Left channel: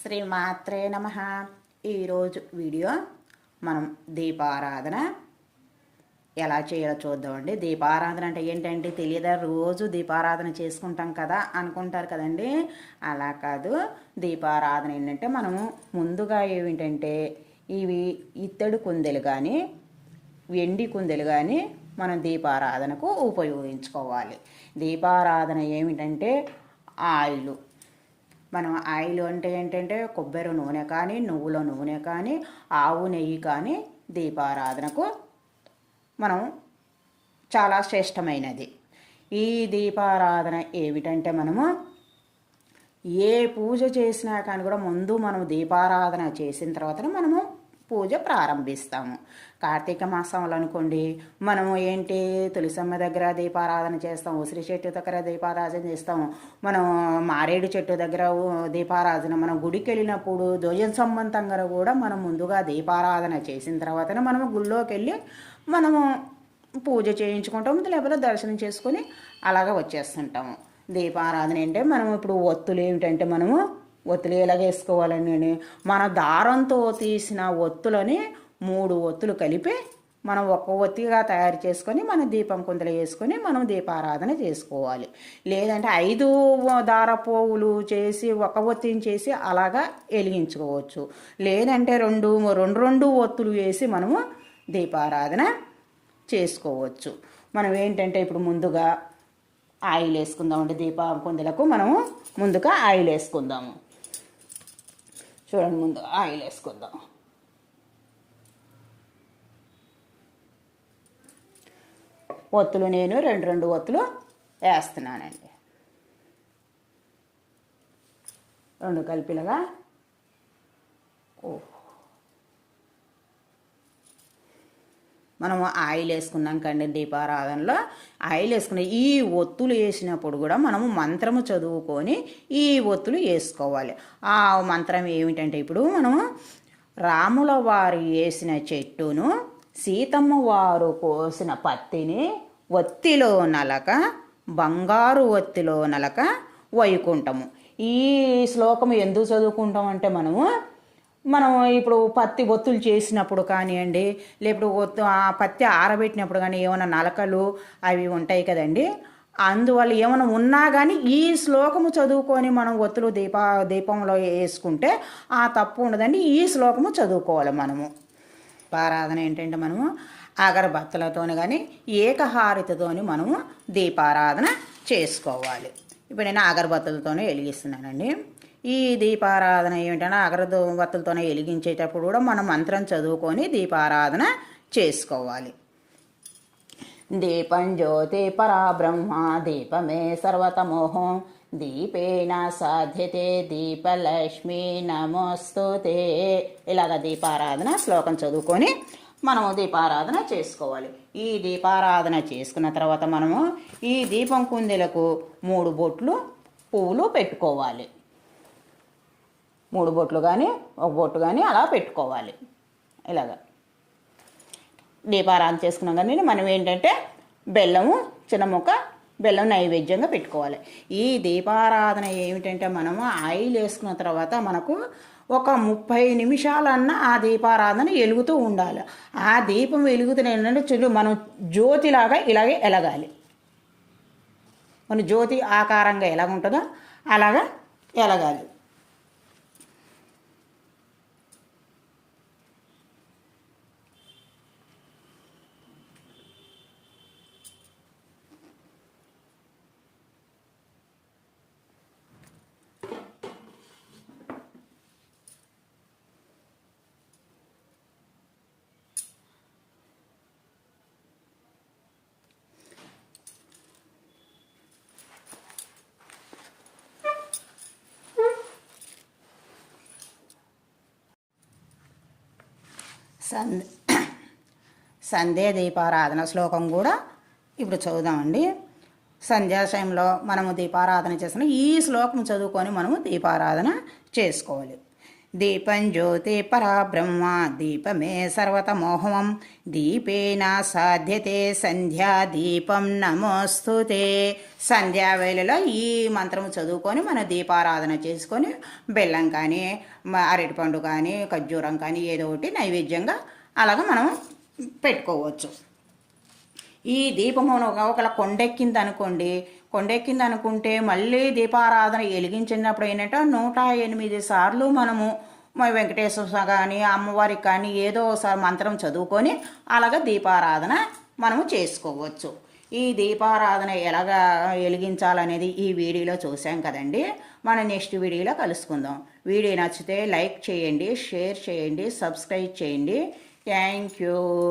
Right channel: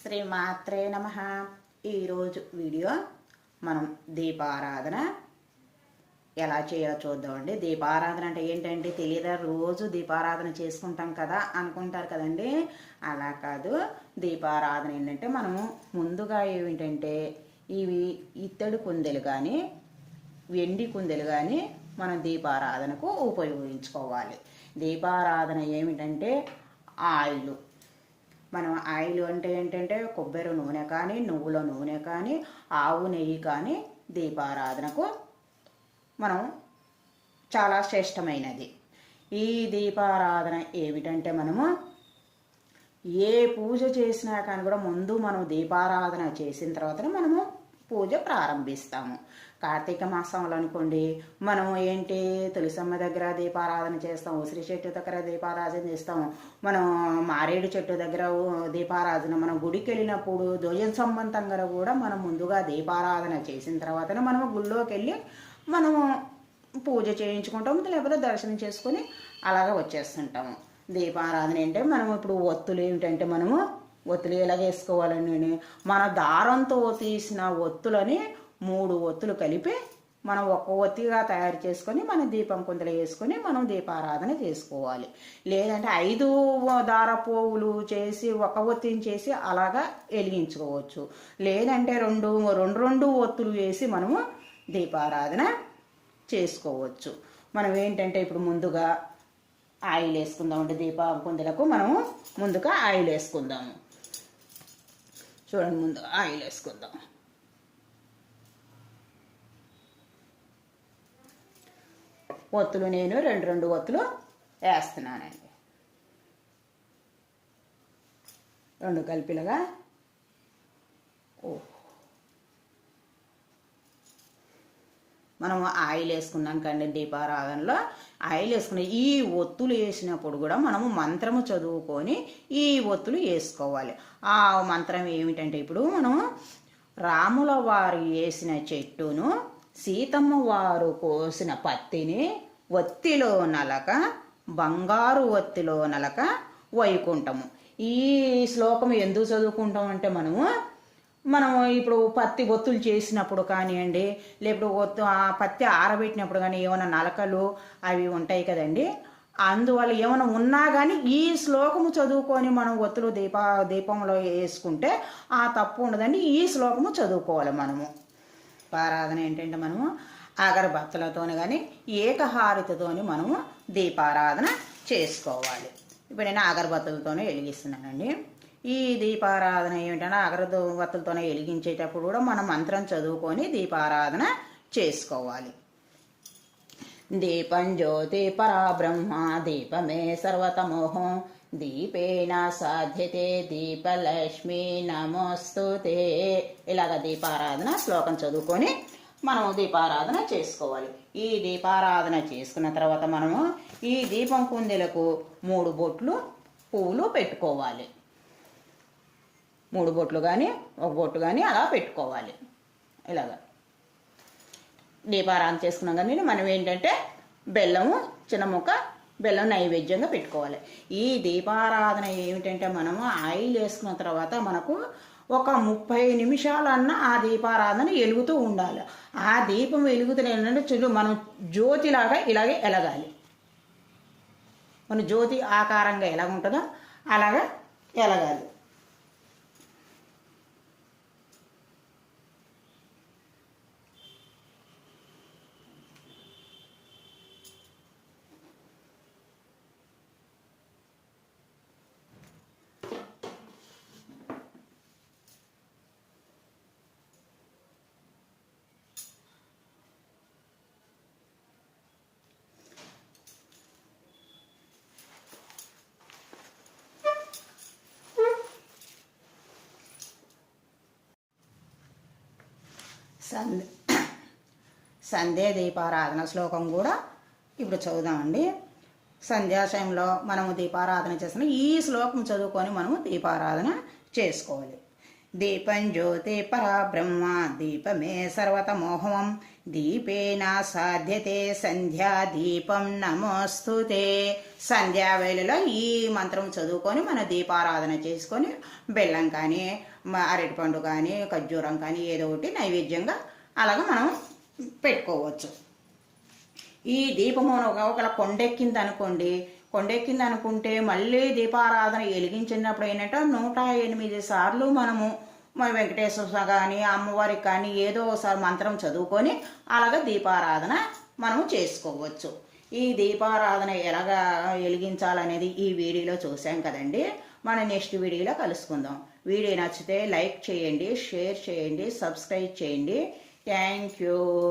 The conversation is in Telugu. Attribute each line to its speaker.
Speaker 1: శ్రీమాత్రే నమ. ఈరోజు వీడియో మనం దీపారాధన. ఎలా చేయాలో చూద్దామండి. దీపారాధన అంటే ఏంటంటే తెలియదా? రోజు దీపారాధన చేసుకుంటాం కదా అనుకుంటారు కదండి. అలా కాదు. దీపారాధన ఏంటంటే మనము ముందుగా ఏమిటంటే ఇవి ఇత్తడి కుందెలు కానీ వెండి కుందెలు కానీ మనం దీపారాధనకు ఉపయోగించుకోవాలి. దీపారాధన ఏమిటంటే ఆయిల్. మనం ఆయిల్ అంటే ఏంటంటే కొబ్బరి నూనె కానీ నువ్వుల నూనె కానీ ఆవు నెయ్యి కానీ దీపారాధనకు మనం చాలా శ్రేష్టమైనది. ఈ దీపారాధన ఏమిటంటే మనము ఏ పూజ చేసినా కానీ కూడా ముందు మనం దీపారాధన చేసిన తర్వాత మనము పూజ ప్రారంభిస్తాము. కార్తీక మాసంలో అనుకోండి మనము ఏంటి తులసమ్మ దగ్గర దీపారాధన చేస్తాం ఉసిరి చెట్టు దగ్గర దీపారాధన చేస్తాము మనం మారేడు చెట్టు దగ్గర దీపారాధన మనం గుడికి వెళ్ళినప్పుడు ధ్వజం సంబంధంగా కూడా మనం ముందుగా దీపారాధన చేసిన తర్వాతనే మనము గుళ్ళోకి వెళ్ళి మనము పూజ చేయించుకుంటాము లేకపోతే దర్శనం చేసుకొని అలాగ వచ్చేస్తుంటాము. దీపారాధన అంటే మనం ఇప్పుడు ఒత్తులు ఏమిటంటే మనము ఒత్తులు ఎలాగ వేసుకోవాలని మన దారంతో తీసిన ఒత్తులని మూడు ఒత్తులు కలిపి మనం ఒక్క ఒత్తిగా తయారు చేసుకొని మనం దీపం కుందలు వేసుకొని మనం దీపారాధన చేసుకోవాలి. లేదంటే ఐదు దార పోవులు చేసి ఒక ఒత్తిని చేసి అలాగా వెలిగించుకోవచ్చు. లేదంటే రెండు రెండు రెండు ఒత్తులు వేసి మనము దీపారాధన చేసుకోవచ్చు. మనం ఏంటంటే ఇప్పుడు ముందుగా ఆయిల్ వేసుకుందామండి దీప కుందలకు మనము ముందుగా ఆయిల్ వేసుకుందాము. చూడండి ముందు ఆయిల్ వేసుకుందాం. ఒత్తులు నేను రెండు రెండు ఒత్తులు వేస్తున్నానండి. రెండు కలిపిలగా ఓ మనం ఆయిల్ వేసుకున్నాం కండి దీపారాధనలో. ఆయిల్ వేసుకున్న ఈ ఒత్తులు వేసినప్పుడు కూడా మనము మంత్రము చదువుకొని ఈ ఒత్తులు వేసుకోవాలి. ఆ మంత్రం ఏమిటంటే ఇప్పుడు మనము రాముల వారు వేసిన చెట్టును సీతమ్మ వారు కోసిన పత్తిని ఒత్తిలో నలక బంగారు ఒత్తిలో నలక వైకుంఠము. ఈ శ్లోకం ఎందుకు చదువుకుంటాం అంటే మనము మనం ఇప్పుడు పత్తి ఒత్తులు చేసినప్పుడు కానివ్వండి లేకపోతే ఒత్తు ఆ పత్తి ఆరబెట్టినప్పుడు కానీ ఏమైనా నలకలు అవి ఉంటాయి కదండి అందువల్ల ఏమైనా ఉన్నా కానీ ఈ శ్లోకము చదువుకొని మనం ఒత్తులు దీప దీపంలో వేసుకుంటే ఆ తప్పు ఉండదండి ఈ శ్లోకము చదువుకోవాలి మనము. దీపారాధన ఏంటంటే మనము అగరబత్తలతోని కానీ ఏకహారితతోని మనము దీపారాధన చేసుకోవాలి. ఇప్పుడు నేను అగరబత్తులతోనే వెలిగిస్తున్నానండి. ఈ దీపారాధన ఏమిటంటే అగరబత్తులతోనే వెలిగించేటప్పుడు కూడా మనం మంత్రం చదువుకొని దీపారాధన చేసుకోవాలి. దీపం జ్యోతి పరాబ్రహ్మ దీపమే సర్వతమోహం. దీపేన సాధ్యతే దీపలక్ష్మి నమోస్తుతే ఇలాగ దీపారాధన శ్లోకం చదువుకొని మనము దీపారాధన చేసుకోవాలి. ఈ దీపారాధన చేసుకున్న తర్వాత మనము ఈ దీపం కుందెలకు మూడు బొట్లు పువ్వులు పెట్టుకోవాలి. మూడు బొట్లు కానీ ఒక బొట్టు కానీ అలా పెట్టుకోవాలి. ఇలాగా. దీపారాధన చేసుకున్నాం కానీ మనం ఏంటంటే బెల్లము చిన్న ముక్క బెల్లం నైవేద్యంగా పెట్టుకోవాలి. ఈ దీపారాధన ఏమిటంటే మనము ఆయిల్ వేసుకున్న తర్వాత మనకు ఒక ముప్పై నిమిషాలన్నా ఆ దీపారాధన వెలుగుతూ ఉండాలి. ఆ దీపం వెలుగుతున్న ఏంటంటే చూడు మనం జ్యోతిలాగా ఇలాగే ఎలగాలి. మన జ్యోతి ఆకారంగా ఎలా ఉంటుందో అలాగా ఎలగాలి. సంధ్య సంధ్యా దీపారాధన శ్లోకం కూడా ఇప్పుడు చదువుదామండి. సంధ్యాశయంలో మనము దీపారాధన చేసిన ఈ శ్లోకం చదువుకొని మనము దీపారాధన చేసుకోవాలి. దీపం జ్యోతి పరాబ్రహ్మ దీపమే సర్వతమోహమం. దీపేన సాధ్యతే సంధ్యా దీపం నమోస్తుతే. సంధ్యా వేళలో ఈ మంత్రం చదువుకొని మన దీపారాధన చేసుకొని బెల్లం కానీ అరటిపండు కానీ ఖర్జూరం కానీ ఏదో ఒకటి నైవేద్యంగా అలాగ మనం పెట్టుకోవచ్చు. ఈ దీపము ఒకవేళ కొండెక్కింది అనుకోండి కొండెక్కింది అనుకుంటే మళ్ళీ దీపారాధన వెలిగించినప్పుడు ఏంటంటే నూట ఎనిమిది సార్లు మనము వెంకటేశ్వర కానీ అమ్మవారికి కానీ ఏదో ఒకసారి మంత్రం చదువుకొని అలాగ దీపారాధన మనము చేసుకోవచ్చు. ఈ దీపారాధన ఎలాగా వెలిగించాలనేది ఈ వీడియోలో చూసాం కదండి. మనం నెక్స్ట్ వీడియోలో కలుసుకుందాం. వీడియో నచ్చితే లైక్ చేయండి షేర్ చేయండి సబ్స్క్రైబ్ చేయండి. Thank you.